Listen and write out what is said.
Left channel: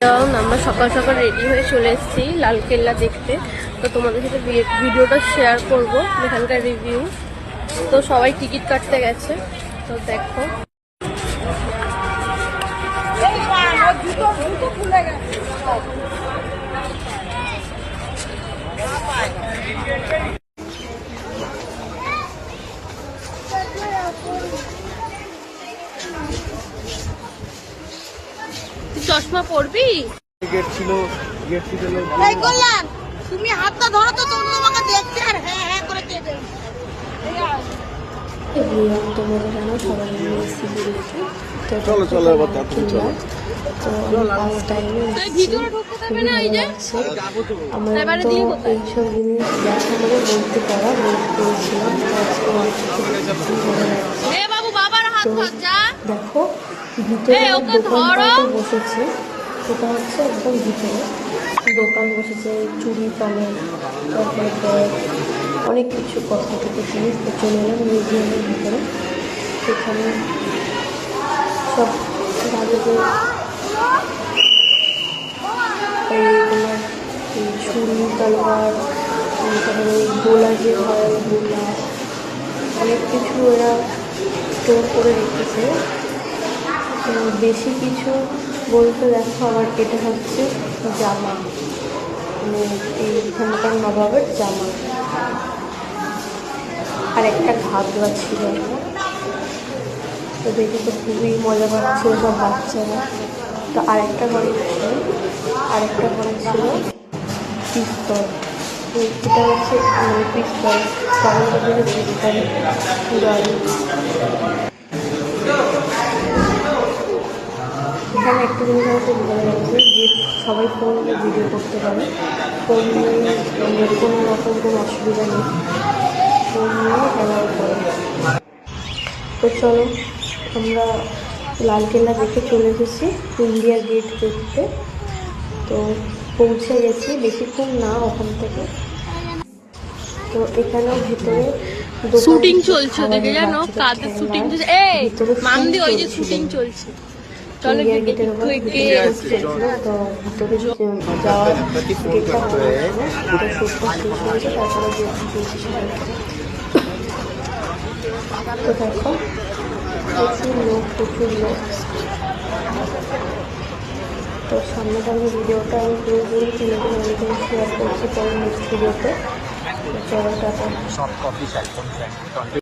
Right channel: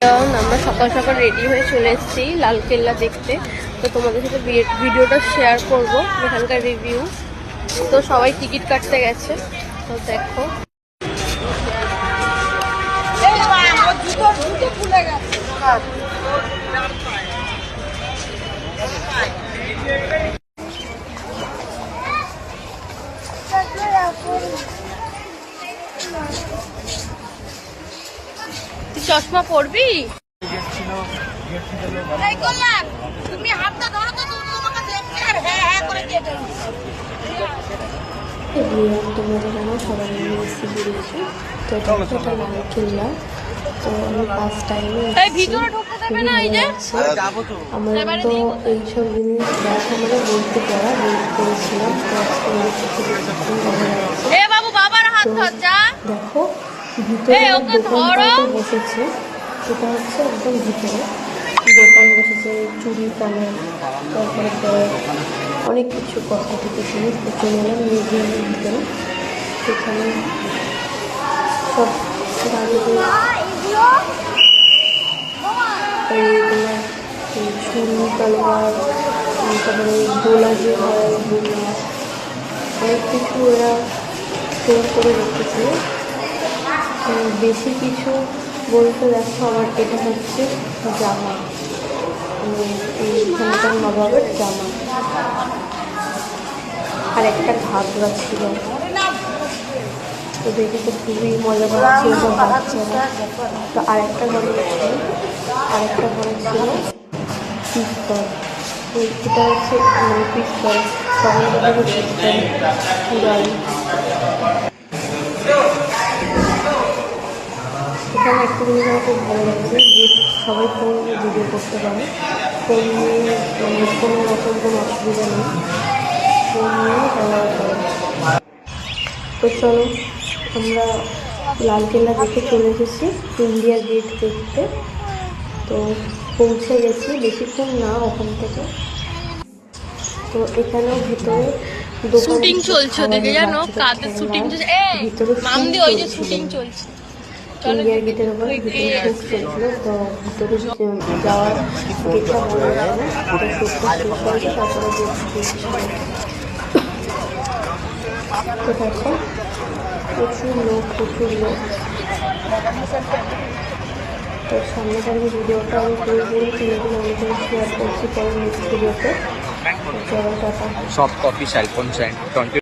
আমরা সকাল সকাল রেডি হয়ে চলে এসেছি লালকেল্লা দেখতে। তো তোমাদের সাথে ভিডিওটা শেয়ার করব, এখানকার রিভিউ। তো সবাই টিকিট কাটতে গেছে, তো দেখো। তুই চশমা পরবি? তুমি হাতটা ধরো তো, তুমি আমাকে দেখছি আর হ্যাঁ হ্যাঁ করে কেটে তোমাদের জানো সবাই এসেছি দিল্লিতে। তো লালকেল্লা, তো আমি ফার্স্ট টাইমে আমার তো এইসব জিনিস দেখা মানে বলতে পড়া ওয়েট করেছিলাম। তো দেখো ভিতরে দোকানপাট বসেছে, এটা হচ্ছে একদম ভিতরে দোকান বসেছে, চুড়ি কানের, তারপরে ব্যাগ, অনেক কিছু কসমেটিকের জিনিস। তো চলে এলাম মিউজিয়ামের ভিতরে। সেখানে সব রাজাদের এই তোমার ছুরি তলোয়ার, তারপরে ওই গোলা যে হয় গোলা, অনেক কিছু এরা স্টোর করে রেখেছে। বেশি কিছু বলতে দেখো, আবার এটা হচ্ছে জামা, মানে এইখানকার নবাবের জামা। আর একটা ঘাগরা ছিল, তো দেখে তো খুবই মজা পাচ্ছিল সব বাচ্চারা। তো আরেকটা ঘরে ছিল পিস্তল। এটা হচ্ছে মানে পিস্তল, তখনকার দিনে পিস্তল পুরাই। এখানে একটা জিনিস আমার খুব ভালো লাগছে, যে সবাই ফোন নিয়ে ভিডিও করতে পারে। ফোন নিয়ে মানে কোনো রকম কোনো অসুবিধা নেই, ফোন নিয়ে অ্যালাউ করে। তো চলো, আমরা লালকেল্লা দেখে চলে এসেছি ইন্ডিয়া গেট দেখতে। তো পৌঁছে গেছি, বেশিক্ষণ না ওখান থেকে। তো এখানেও ভিতরে শুটিং চলছে, দেখে জানো কাদের শুটিং চলছে, ভিতরে শুটিং চলছে ইন্ডিয়া গেটের উপর ভিতরে শুট চলছিল। তো ভিতরে যাওয়ার গেটটা বন্ধ ছিল, তো শুটটা শেষ হয়েছে, তারপরে গেট সবাইকে। তো দেখো প্রচুর লোক। তো সামনে ভিডিওটা আমি পুরোপুরি তুলে অনেক শেয়ার করছি পরে নেক্সট ভিডিওতে। চলো টাটা।